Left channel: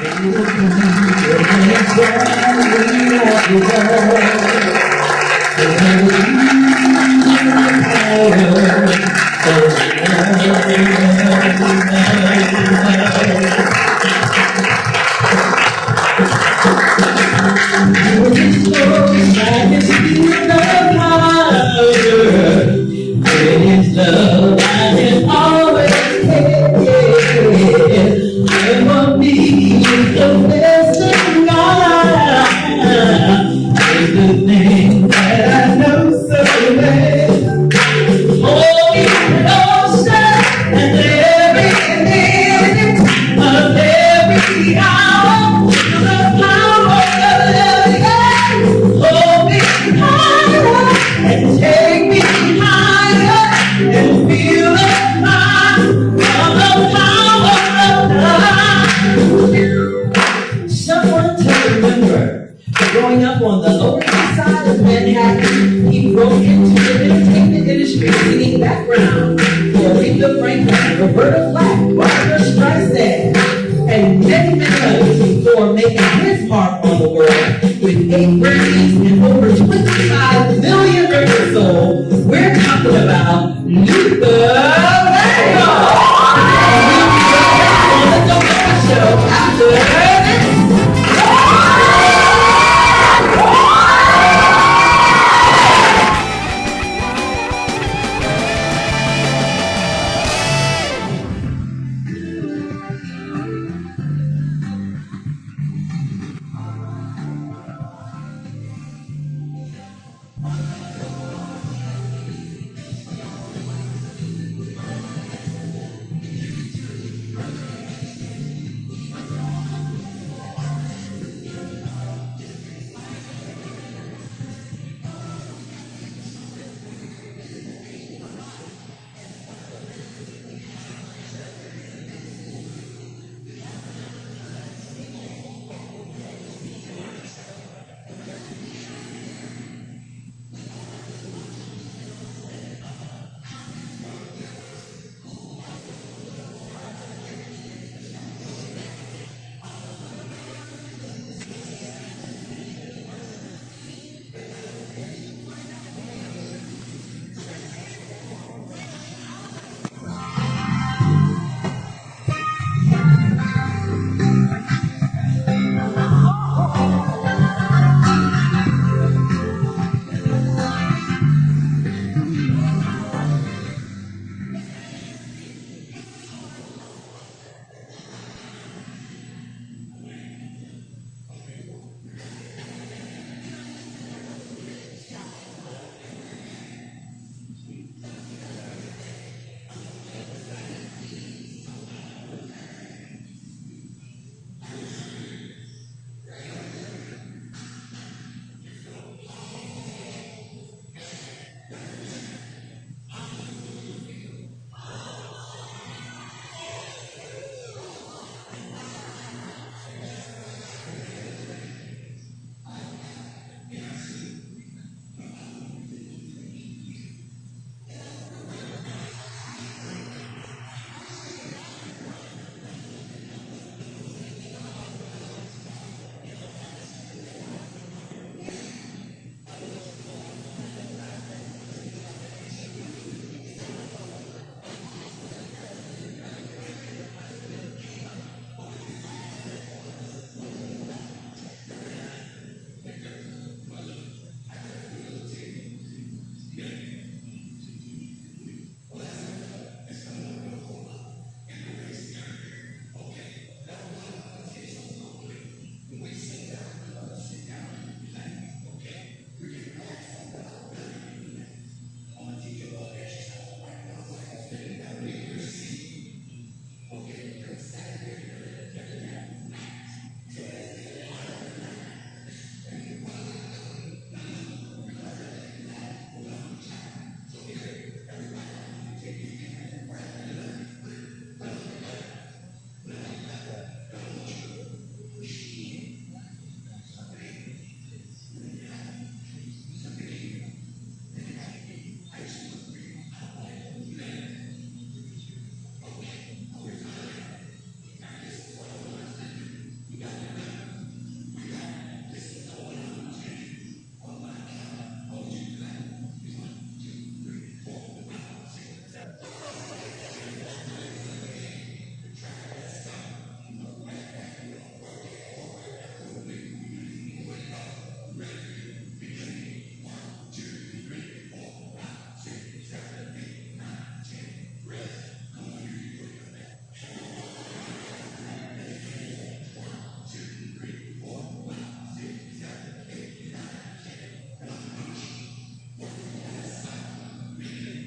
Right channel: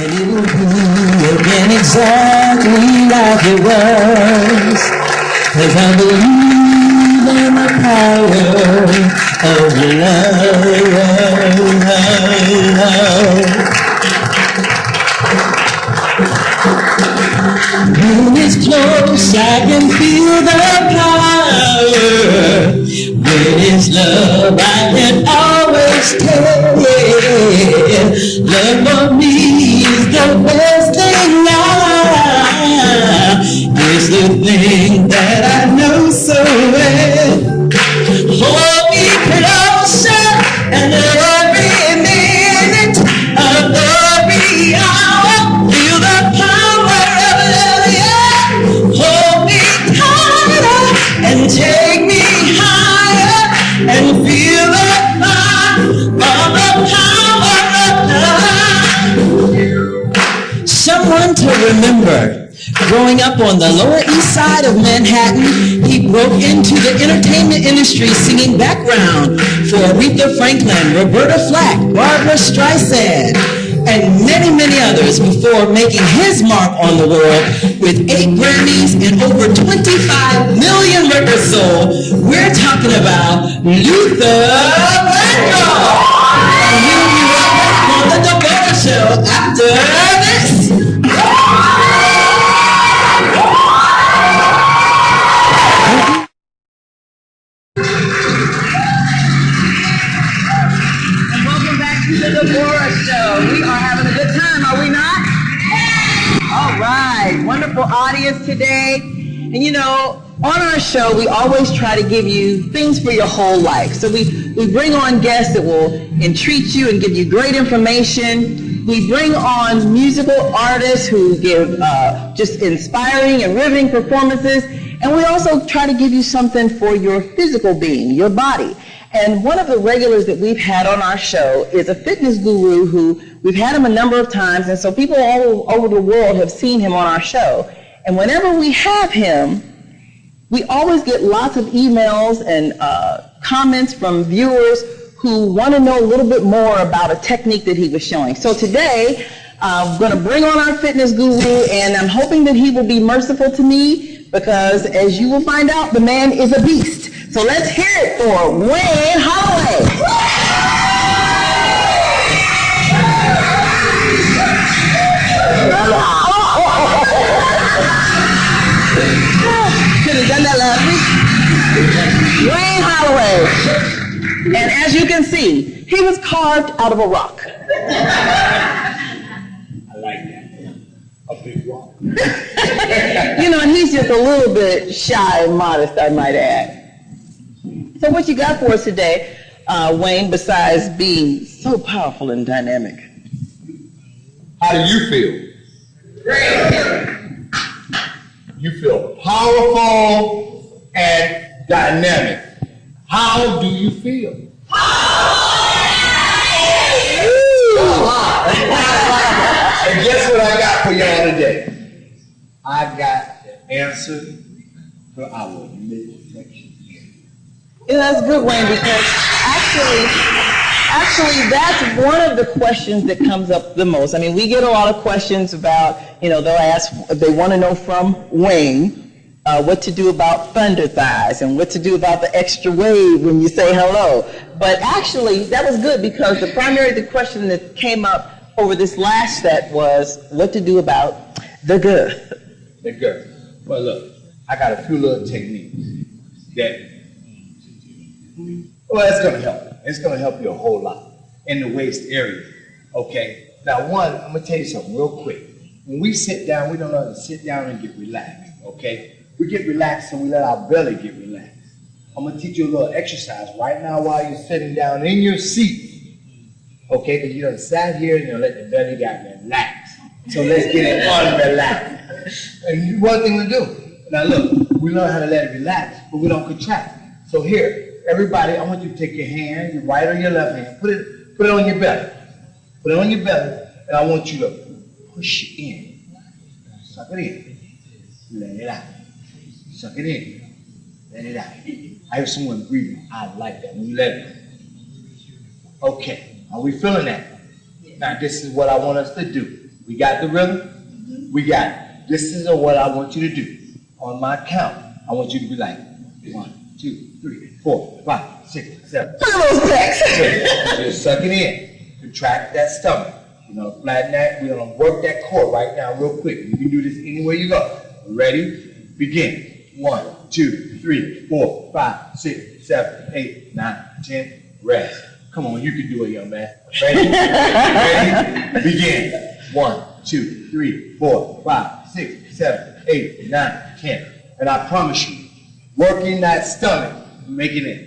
And exactly like it was, 'cause I believe in the power of love. When it's close, I can feel the power. When it's love, I can always tell. Love for me is the best thing now. It's the thing that I know so well. Hold me closer and every minute of every hour. Feel the power of love, yeah. Hold me tighter and take me higher and feel the power of the power of love. Someone to remember. Growing up on the Lower East Side of Manhattan, he broke into the entertainment industry singing background for Aretha Franklin, Roberta Flack, Barbara Streisand, and many, many others before making his mark on the world with 8 Grammys and over 25 million records sold. We're talking about Luther Vandross. And we'll be right back on the Debórah Show after this. The Debórah Show. We are having a good time, are we not? All right, wonderful audience today. And you know, on our show, we always try to give you things for your whole life. So we bring on guests that will entreat you and give you great information. We bring on musical artists who give just inspiring and riveting performances. And we also try to give you something for your physical being, your body. And one of the regulars that we've had on our show is a fitness guru who we've had him a number of times, and so people all over the world have seen him on our show. And whenever we have him, we always get lots of emails and comments from viewers who want to know a little bit more about a technique that he was showing. So today, I'm going to bring on our fitness guru, and I'm hoping that he will be merciful to me because, as you will find out, the man is a beast. So let's hear it for Wayne Holloway. Could have done that last week. Wayne Holloway. And as you can see, he was carved out of a rock. I like that. A big rock. You know, and he's just a little bit shy and modest, I might add. So what you got for us today, Wayne, besides being so powerful and dynamic? How do you feel? Great. You feel powerful and dynamic. How do you feel? And guess what I got for y'all today? I got the answer to our midsection. Yeah, that's good, Wayne, because actually that's one of the questions that comes up the most. I mean, we get a lot of questions about, you know, they'll ask, they want to know from Wayne what to do about thunder thighs and what to do about the extra wave when you say hello. But actually, that was good because the question that came up over this last set was what to do about the good. The good. Well, look, I got a few little techniques that, well, it's going to help you. It's going to help you a whole lot in the waist area, okay? Now, one, I'm going to tell you something real quick. When we sit down, we don't learn to sit down and get relaxed, okay? We get relaxed and we let our belly get relaxed. I'm going to teach you a little exercise right now while you're sitting down in your seat, okay? Because you done sat here and you let the belly down relax. So let's get it unrelaxed. And one thing to do. Now, look, we learn how to let it relax, but we don't contract. So here, everybody, I want you to take your hand, your right or your left hand, put it on your belly. Put it on your belly, and I want you to push it in. Suck it in. Let it out. Suck it in. Let it out. I hear someone breathing. I like that when you let it out. Okay, are we feeling that? Now, this is what I want us to do. We got the rhythm? We got it. This is what I want you to do. On my count, I want you to be like 1, 2, 3, 4, 5, 6, 7. Just suck it in. Contract that stomach. We're gonna flatten that. We're gonna work that core right now real quick. You can do this anywhere you go. Ready? Begin. 1, 2, 3, 4, 5, 6, 7, 8, 9, 10. Rest. Come on, you can do it, young man. Ready? Ready? Begin. 1, 2, 3, 4, 5, 6, 7, 8, 9, 10. And I promise you, working that stomach, making it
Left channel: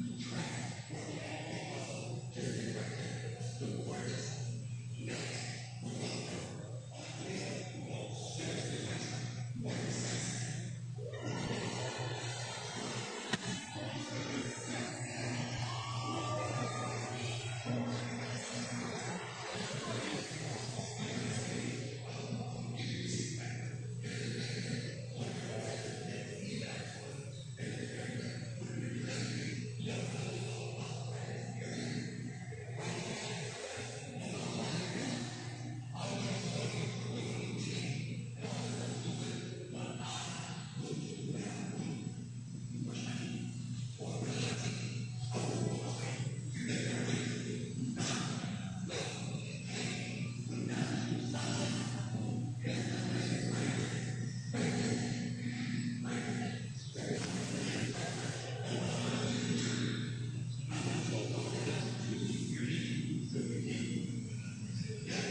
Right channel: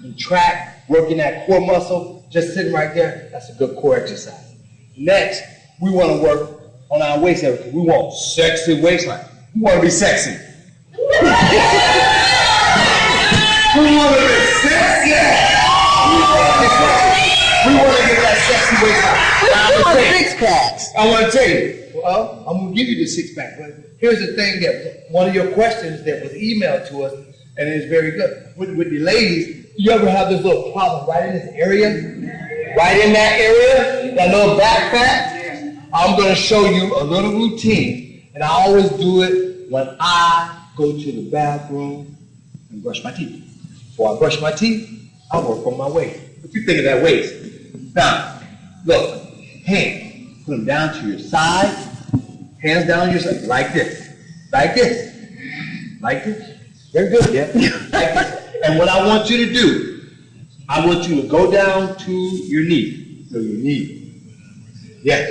contract, working that core muscle, just sitting right there, that's a good core exercise. Next, we want to work on our waist area. We want sexy waistline. We want to be sexy. We want to be sexy. We want to get that sexy waistline. We want six-packs. I want to tell you, well, I'm going to give you the six-pack, but here's the thing that one of your questions that was emailed to us, and it's very good. With the ladies, you ever have this little problem right in this area? Right in that area, that little back fat? I'm going to show you a little routine, and I always do it when I go to the bathroom and brush my teeth. Before I brush my teeth, I work on my waist. What you think of that waist? Now, look, hands, put them down to your side, hands down your side, like this, like this, like this. Very good, yeah? Like this. And what I want you to do, I want you to go down to your knee. So your knee. Yes.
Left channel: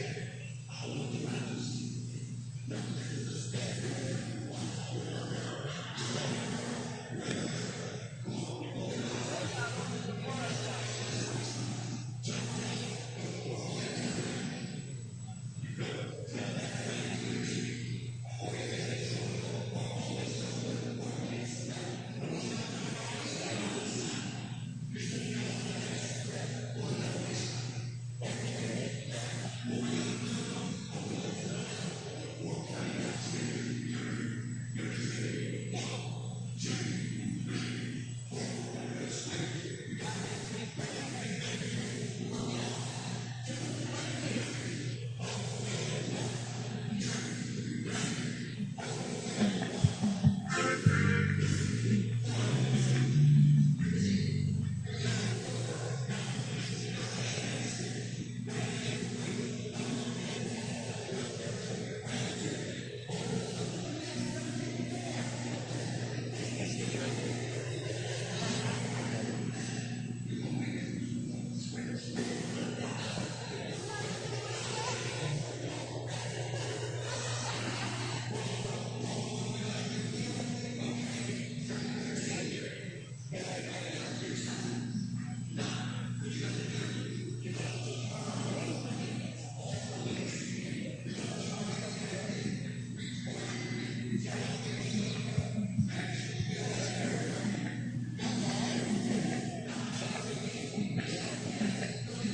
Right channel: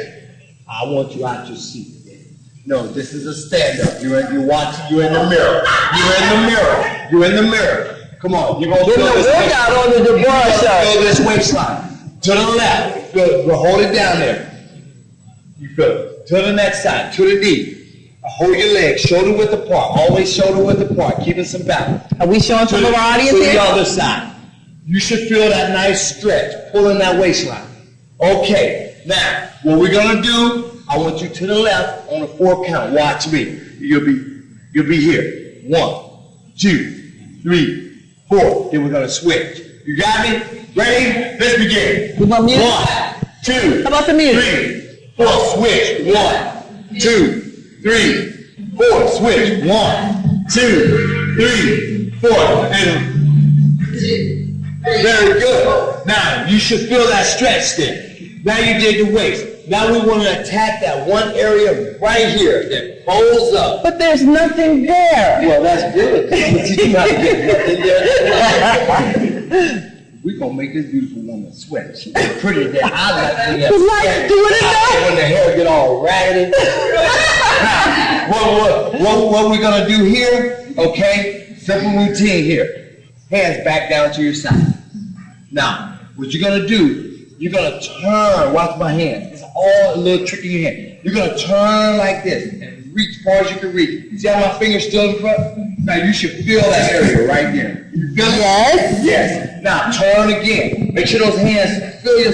I want you out your seat. No, this is a stand-up. You're watching, you're in the mirror. You're in the mirror. You're in the mirror. Come on, you're going to feel this workout on the Debórah show. Feel this waistline. To the left. Good. We'll hold it down there. You good. To the next side. To the knee. Hold your legs shoulder width apart. Always shoulder width apart. Keeping some balance. Are we showing some of our audience here? here? To the other side. You should feel that nice stretch. Pulling that waistline. Okay. Now, what we're going to do, I want you to the left on a 4 count. Watch me. You'll be here. 1, 2, 3, 4. Then we're going to switch. You got me? Ready? Let's begin. We want music? 1, 2, How about the music? 3, 4. Switch. 1, 2, 3, 4. Switch. 1, 2, 3, 4. And very good. Now, you should feel that stretch there. Now you did the waist. Now we want to attack that one area right here that folds up. But there's nothing there. Well, that's good. You not get nothing there. We're going to make this beautiful woman sweat. She's pretty there. I like when that sweat. Do it enough. When the hair get all raggedy. Now, what we're going to do here, okay, simple routine here. Hands back down to your side. Now, what you're going to do, you're going to turn, watch my hand. It's all a little trick in your hand. You're going to turn like this and reach as far as you can reach. See how my finger's still in front? Now you should feel that area right there. You feel it? Yes. Yes. Now turn again. Make sure those hands feel your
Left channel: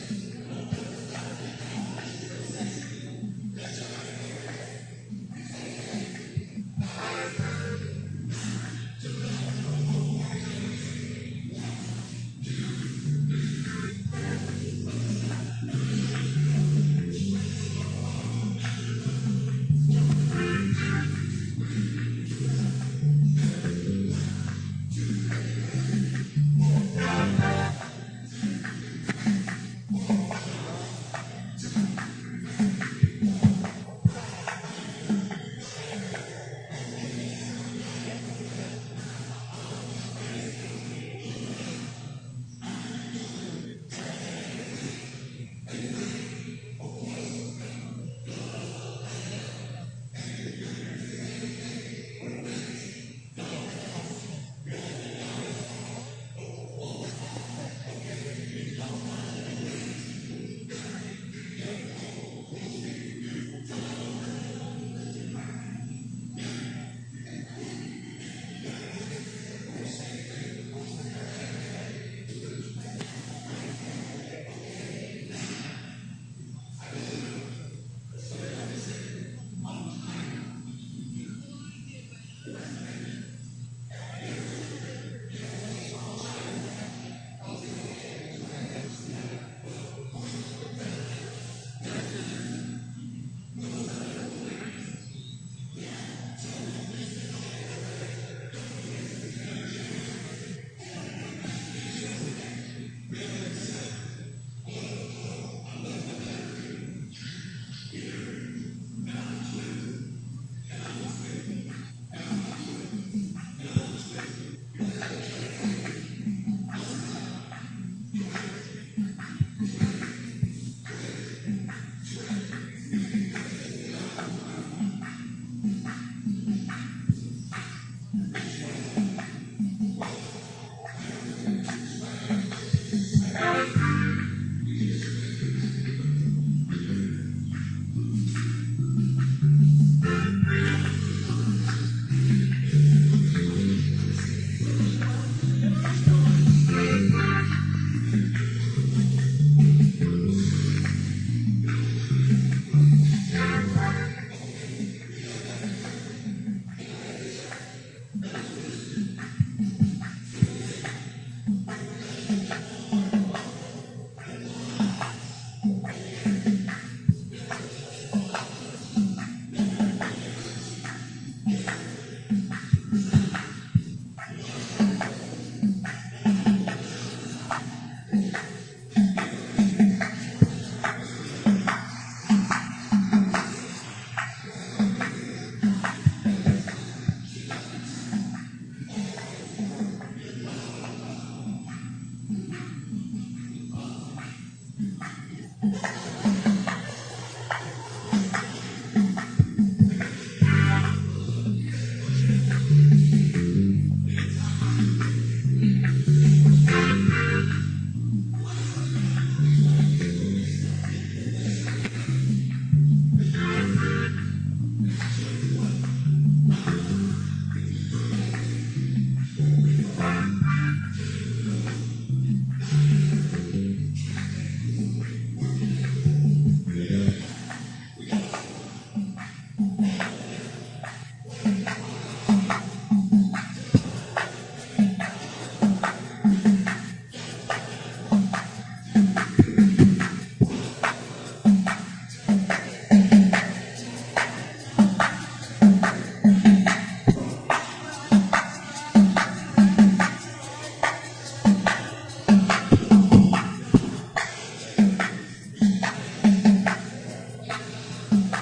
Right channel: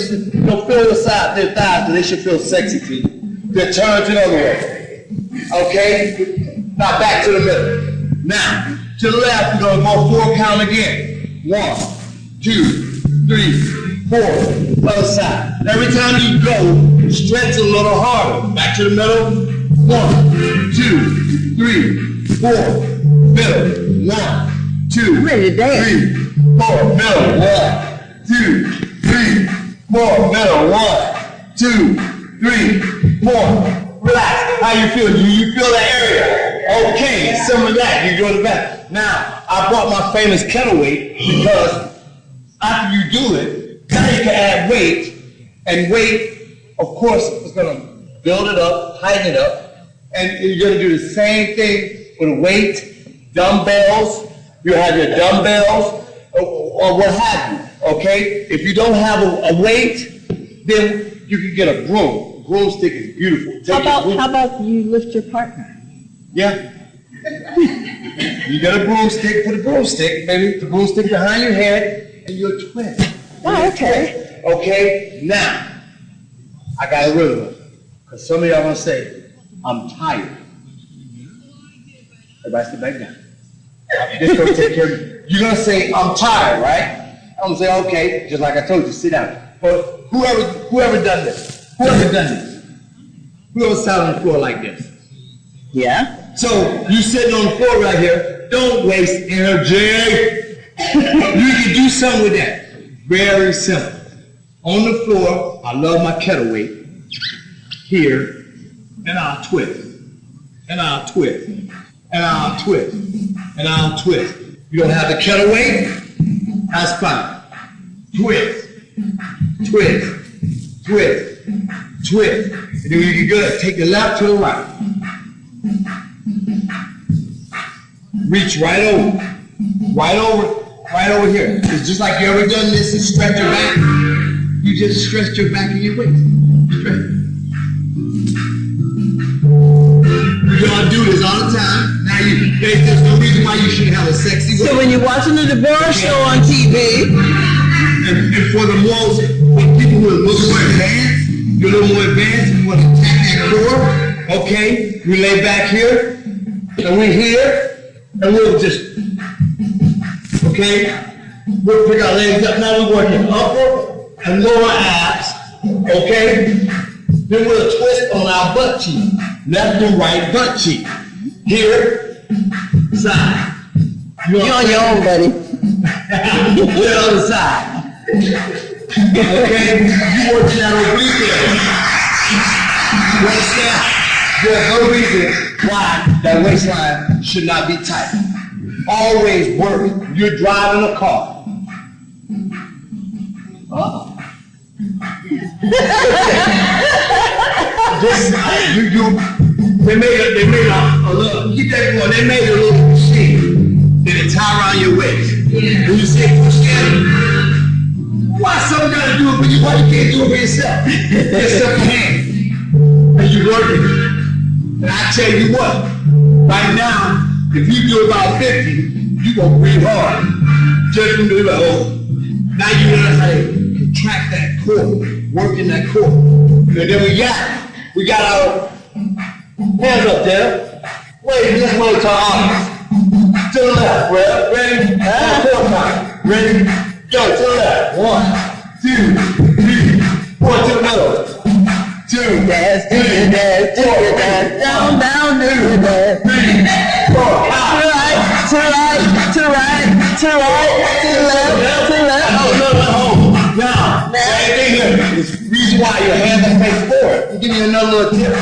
side, their thighs, so they should feel sexy to you. Then turn to the other way. Okay? Now back to the middle. Now, to the left, we're going to go 4 count again. 1, 2, 3, 4, other side. And every time you go, stretch a little harder. Back to the middle. 1, 2, 3, 4, middle. 1, 2, Ready to dance. 3, 4, middle. 1, 2, 3, 4, middle. 1, 2, 3, 4. Relax. How you feel? You feel that area? Okay, some of that. You go to the back. Now, I brought my famous kettle weight because after you do it, now you can add weight, and weight, of course, is going to build it up, heighten it up, and you're going to do the same thing with weight, dumbbells. You have your dumbbells, or what have you, okay? If you don't have a weight, then you can get a broom. Broomstick is beautiful. How about you lift your partner? Yeah. You got a broomstick, put a broomstick, maybe the broomstick behind your head, and you're a twin. Oh, okay. Okay, now, I got a rhythm. Because some of y'all going to say, I'm tired. Everybody sit back down. This going to take care of you. You're going to say, I'm tired, right? I'm going to say, okay, just like I told you, sit down. But whoever done this? Whoever done this? We're gonna sit on the floor like this. Yeah? So you sitting on the floor right here, don't waste energy. You can do something with that. Very simple. On the floor, I love my kettle weight. Here, and I'll twist. And I'll twist. And I'll twist. And I'll twist. You don't have the kettle weight? That's fine. Twist. Twist. Twist. Twist. And then when you get good, take the left to the right. Reach right over. Right over. Right over here. It's just like you ever done this and stretch your back. You just stretch your back and your waist. Stretch. You're gonna do this all the time. Now there's no reason why you shouldn't have a sexy waist. So when you're watching the Debórah show on TV, and for the most, for people who are a little more advanced, you're a little more advanced, you want to attack that core, okay? We lay back here, and we here, and we'll just, okay? We'll pick our legs up. Now we're working upper and lower abs, okay? Then we'll twist on our butt cheek. Left and right butt cheek. Here, side. you're on your own, buddy. To the other side. Okay? You working that oblique area. You understand? There's no reason why that waistline should not be tight. Always work. You're driving a car. They made a little, keep that going, they made a little machine that they tie around your waist. Yeah. When you say push in, why someone gotta do it for you? Why you can't do it for yourself? Yourself in hand. As you work it. And I tell you what, right now, if you do about 50, you gonna breathe hard. Just from doing like, oh, now you learn how to contract that core, working that core. And then we got our hands up there. Wait, this way to our arms. To the left, ready? Ready? Go, to the left. 1, 2, 3, 4, to the middle. 2, Dance, do your dance, do your dance, down, down, do your dance. 3, 4, To the right, to the right, to the right, to the left, to the left. Oh, now, same thing here. It's the reason why your hands are facing forward. I'll give you another little tip.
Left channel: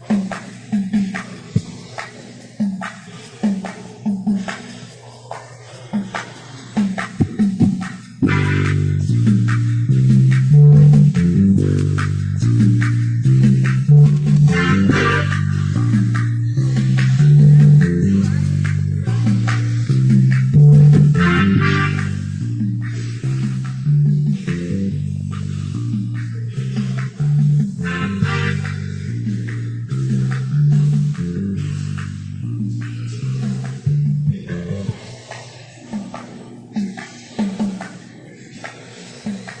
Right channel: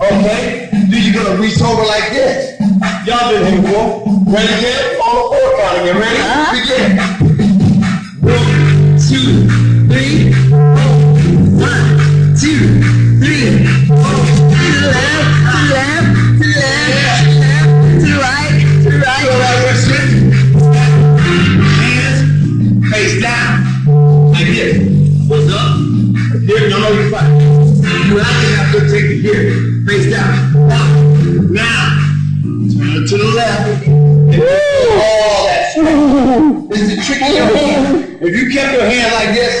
Okay? Then you're gonna reach over like this. Y'all been here before. Ready again? On the floor counting. You ready? Begin. 1, 2, 3, 4. 1, 2, 3, 4. To the left, to the left, to the left, to the right, to the right. Go like this. Hands face down. Like this. What's up? Here, no, you're fine. You actually have to take it here. Face down. Now, turn to the left. All that. This is the trick of your hand. If you kept your hand like this,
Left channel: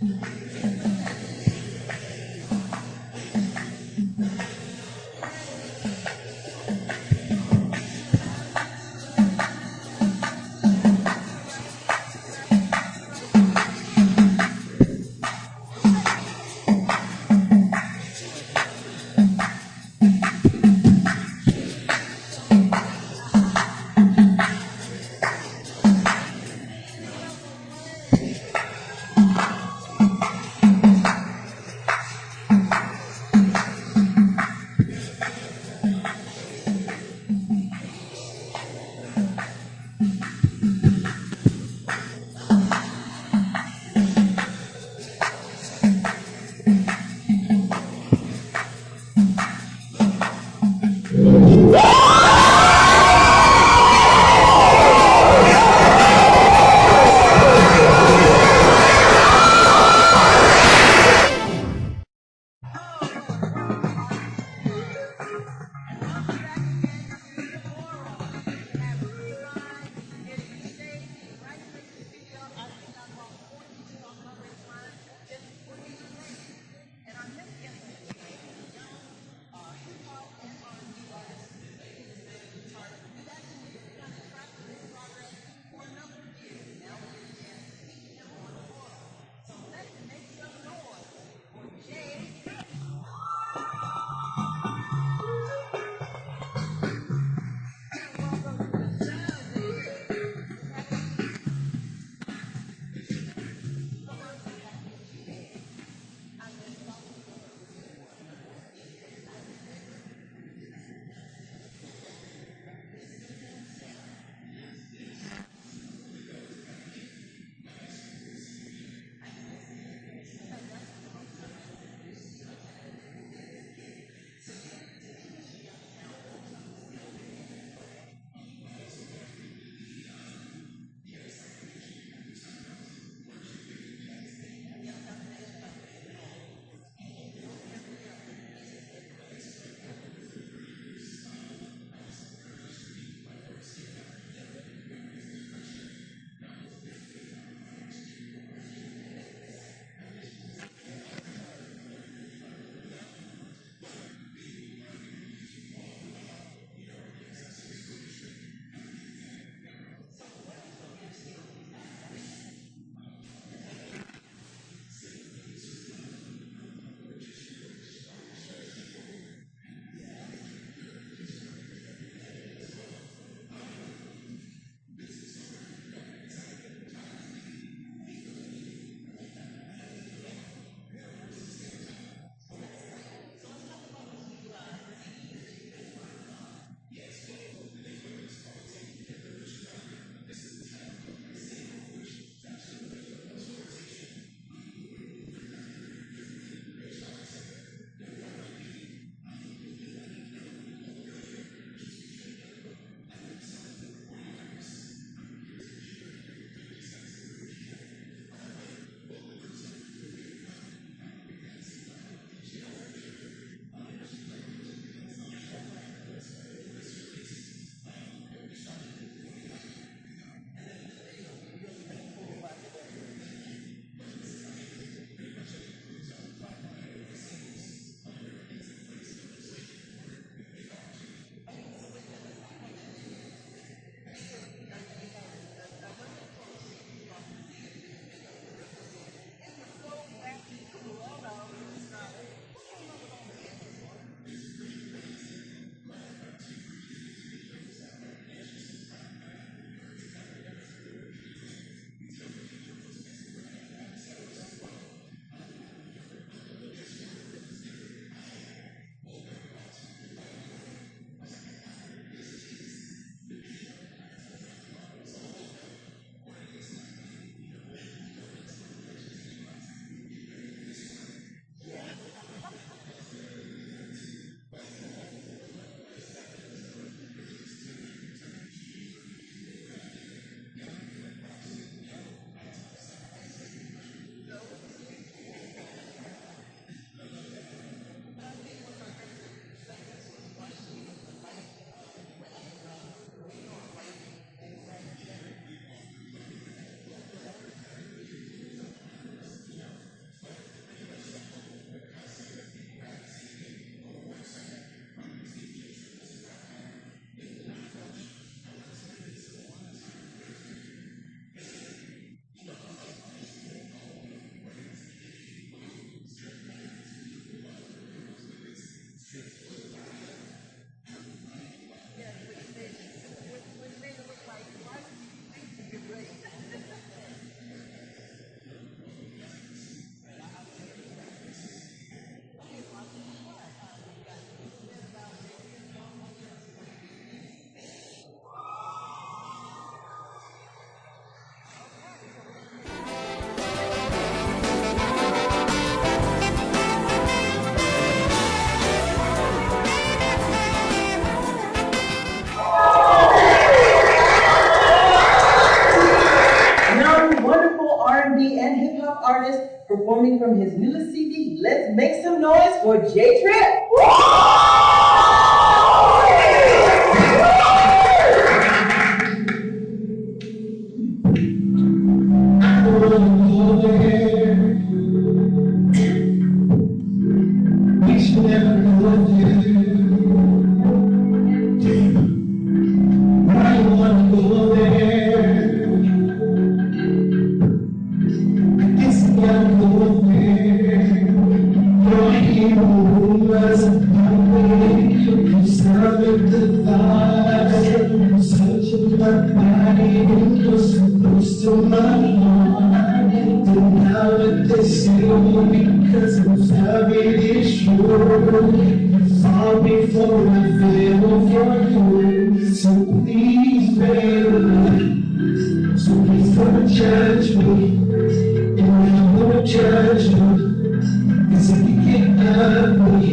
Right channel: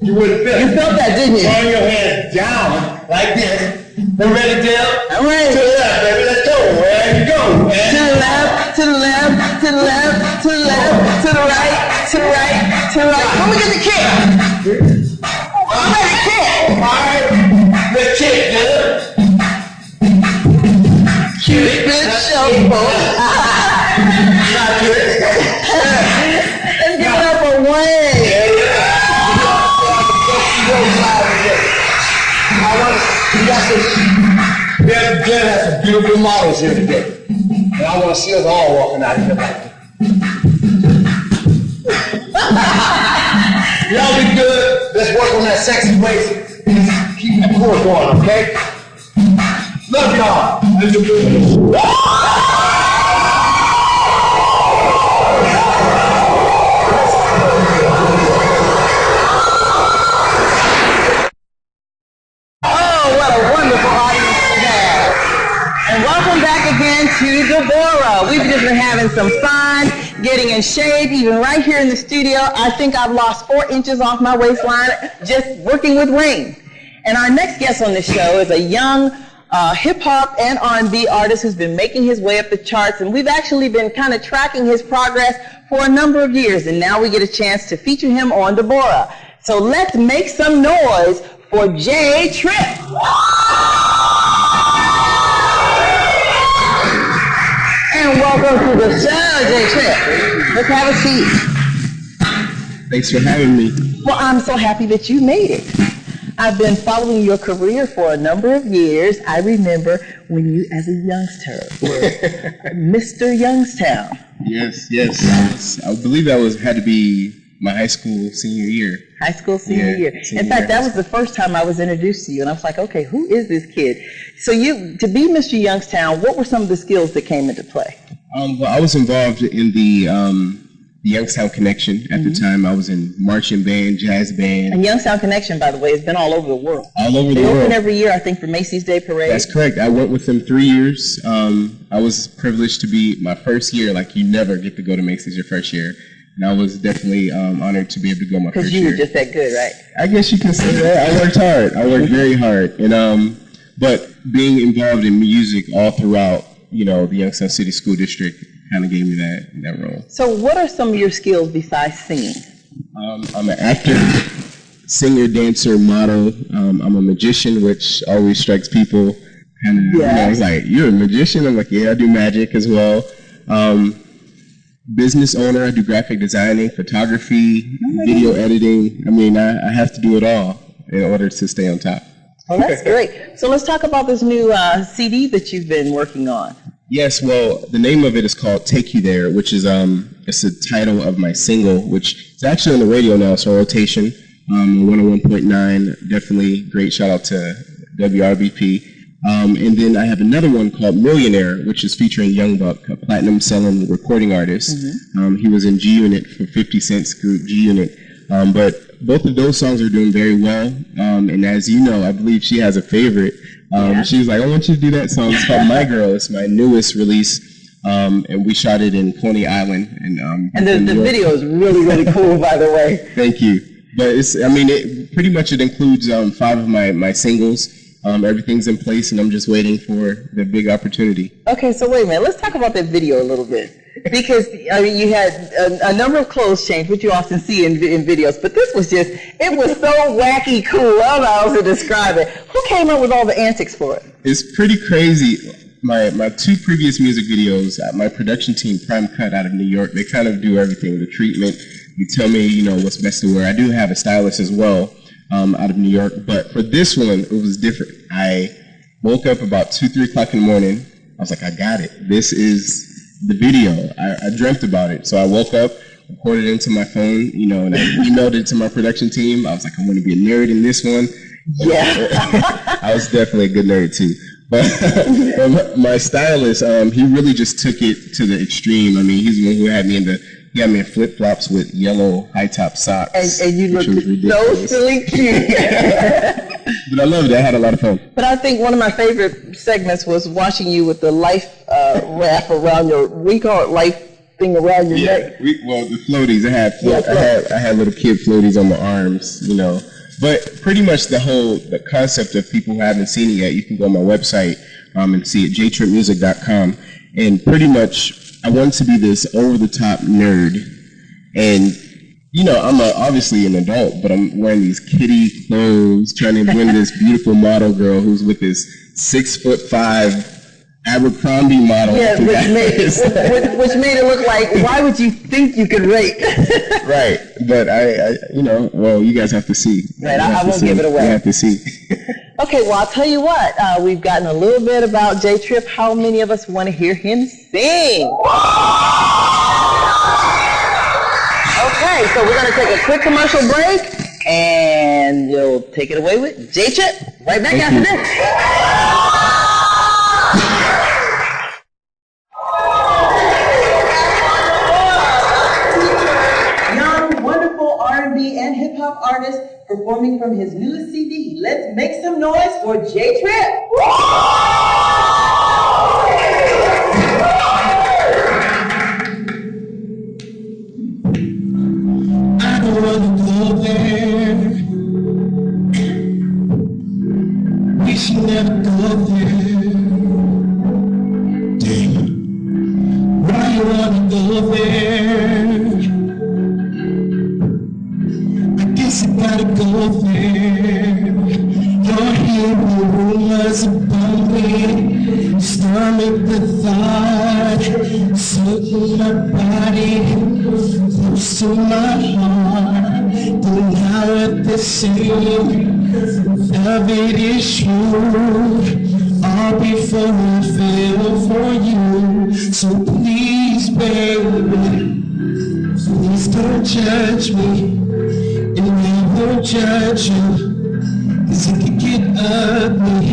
you wouldn't feel it. You felt that, didn't you? Turn your hands down like this. Then ready, Dale? I'm ready. To the left, baby. Let's go. Where you go? To the left, to the left, to the left, to the left, to the right, to the right, to the right. Let me get the kick. I'm ready to kick. All right. Let's kick, Dale. Cupid shuffle. Let's give it up for Wayne. Glenn has some beautiful models here today. And I want to see us all walking out here like that. Y'all be good. Let's work on that sexy waist. Keep that core going, okay? Love y'all. To Debórah. We've just been having some fun, getting in shape, even right here in the studio. I think I've lost 4 inches off my waistline just working with Wayne. And our next guest on the show is a young hip-hop and R&B artist who's been making his way up the charts, and we've actually been kind of tracking his progress for a number of years, and now we get a chance to feature him on Debórah. So let's make some noise for JTrip. Welcome to the show, JTrip. Let's have a seat. Thanks for having me. Well, I'm so happy that you made it. I've been following your career for a number of years. I remember when you, as a youngster, were Mr. Youngstown. Yes. I believe that had to be my high school senior year. High school senior year. In fact, that was the first time I was introduced to you, and I was like, okay, who is this kid? So to be Mr. Youngstown, what were some of the skills that came into play? Well, I was involved in the Youngstown Connection at the time. I was in marching band, jazz band. And Youngstown Connection, by the way, has been all over the world. All over the world. They open every year, I think, for Macy's Day Parade. That's correct. I went with them 3 years. I was privileged to be my first year. Like, you never get to go to Macy's your first year. And I was definitely honored to be able to go my first year. Because you were just that good, right? I guess you can say that. I worked hard. I worked very hard. And but being involved in music all throughout, the Youngstown City School District kind of gave me that role. So what are some of your skills besides singing? I'm an actor, singer, dancer, model. I'm a magician, which always strikes people kind of, it's like, you're a magician? I'm like, yeah, I do magic as well. Business owner, I do graphic designing, photography, video editing. I mean, I have to do it all in order to stay on top. Well, that's great. So let's talk about this new CD that you've been working on. Yes, well, the name of it is called Take You There, which is it's the title of my single, which is actually on the radio now, so rotation, 101.9, definitely great shout out to WRBP. And then I have another one called Millionaire, which is featuring Young Buck, a platinum-selling recording artist. He was in G-Unit for 50 Cent's group, G-Unit. But both of those songs are doing very well. And as you know, I believe she has a favorite. She was like, I want you to do that song. It's called My Girl. It's my newest release. And we shot it in Coney Island. And the video is really, really cool, by the way. Thank you. But it includes 5 of my singles. Everything's in place, and I'm just waiting for the big opportunity. Okay, so wait a minute. Let's talk about that video a little bit. Because you had a number of clothes change, which you often see in videos, but this was it was so wacky cool. I don't know how else to describe it. Who came up with all the antics for it? It's pretty crazy. My 2 previous music videos, my production team, Prime Cut out of New York, they kind of do everything, the treatment. You tell me, what's best to wear. I do have a stylist as well. Out of New York, but for this one, it was different. I woke up about 2-3 o'clock in the morning. I was like, I got it. This is the video. I dreamt about it. So I woke up, recorded it into my phone, and I emailed it to my production team. I was like, I'm going to be a nerd in this one. Yeah. I was definitely a good nerd too. But my stylist, he really just took it to the extreme. I mean, he's the one who had me in flip-flops with yellow high-top socks. And you looked so silly cute. But I loved it. I had a lot of fun. But I think one of my favorite segments was watching you with the life wrap around we call it life thing around your neck. The floaties. I had little kid floaties on my arms, But pretty much the concept of people who haven't seen it yet, you can go on my website and see it, JTripmusic.com. And pretty much, I wanted to be this over-the-top nerd, and I'm obviously an adult, but I'm wearing these kiddie clothes, trying to win this beautiful model girl who's with this 6'5" Abercrombie model. Yeah, which made it look like, why would you think you could rate? Right, but you guys have to see. Right, I won't give it away. You have to see. Okay, well, I'll tell you what. We've gotten a little bit about JTrip. How many of us want to hear him sing? Okay, so we're going to take a quick commercial break, and we'll take it away with JTrip. Right back after this. Wonderful R&B and hip-hop artist performing from his newest CD. Let's make some noise for JTrip. I don't wanna go there. We should never go there. Damn. I don't wanna go there. Gotta go there. Don't hear the rumors about me. Stomach the thought. it is true, all before I fell for you. So please, baby, please don't judge me, and I won't judge you. 'Cause it can get ugly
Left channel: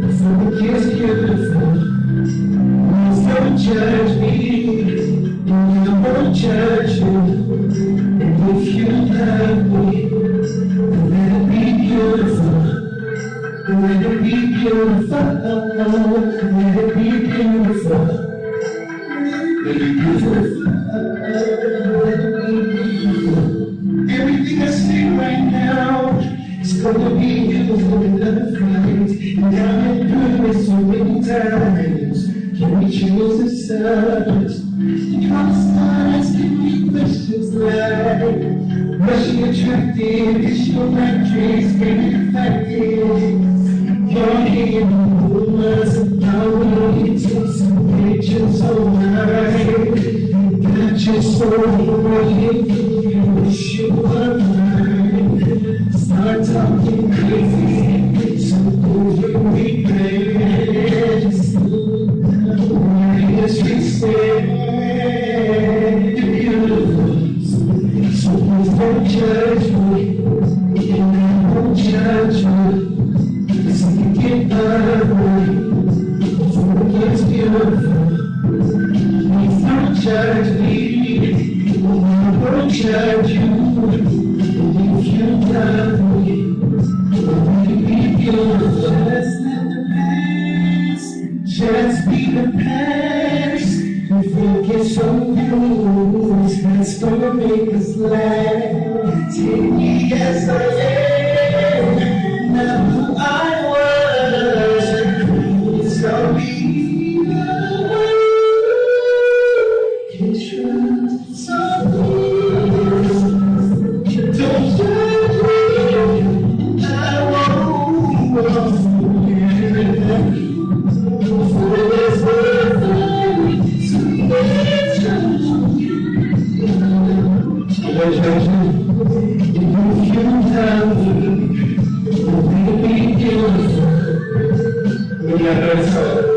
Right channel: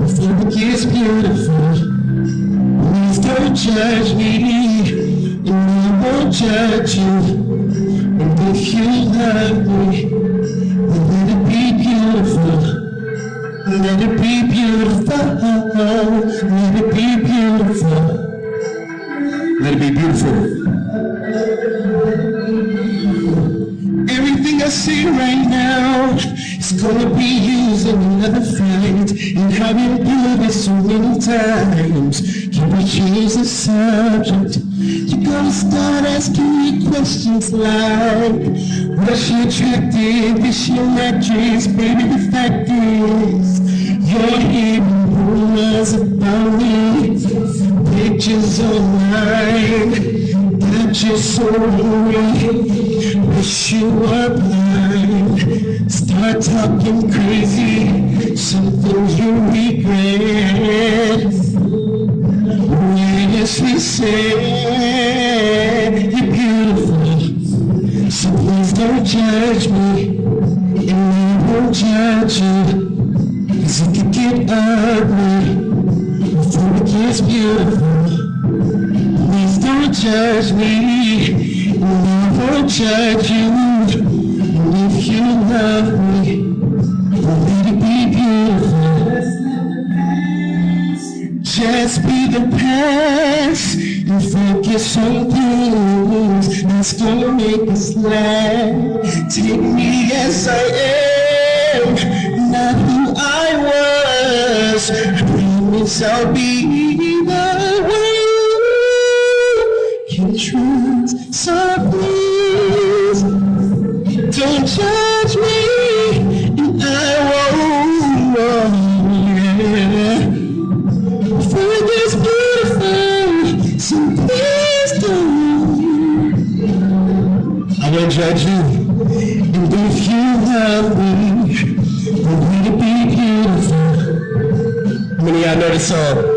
before it gets beautiful. Please don't judge me, and I won't judge you. And if you love me, then let it be beautiful. Let it be beautiful. Let it be beautiful. Let it be beautiful. Everything I say right now is gonna be used in another fight. And I've been doing this so many times. Can we choose a subject? You're gonna start asking me questions like, was she attractive? Is she a actress? Baby, the fact is, you're hearing rumors about me. Pictures online, that you're so hungry. Wish you were blind. Start talking crazy, something you regret. Seriously said, you're beautiful. So please don't judge me, and I won't judge you. 'Cause it can get ugly before it gets beautiful. Please don't judge me, and I won't judge you. And if you love me, let it be beautiful. Just be the past and focus on things that's gonna make us laugh. Take me as I am, not who I was. I promise I'll be the one you trust. So please don't judge me, and I won't. Judge you, and if you love me, will it be beautiful? When y'all know the song?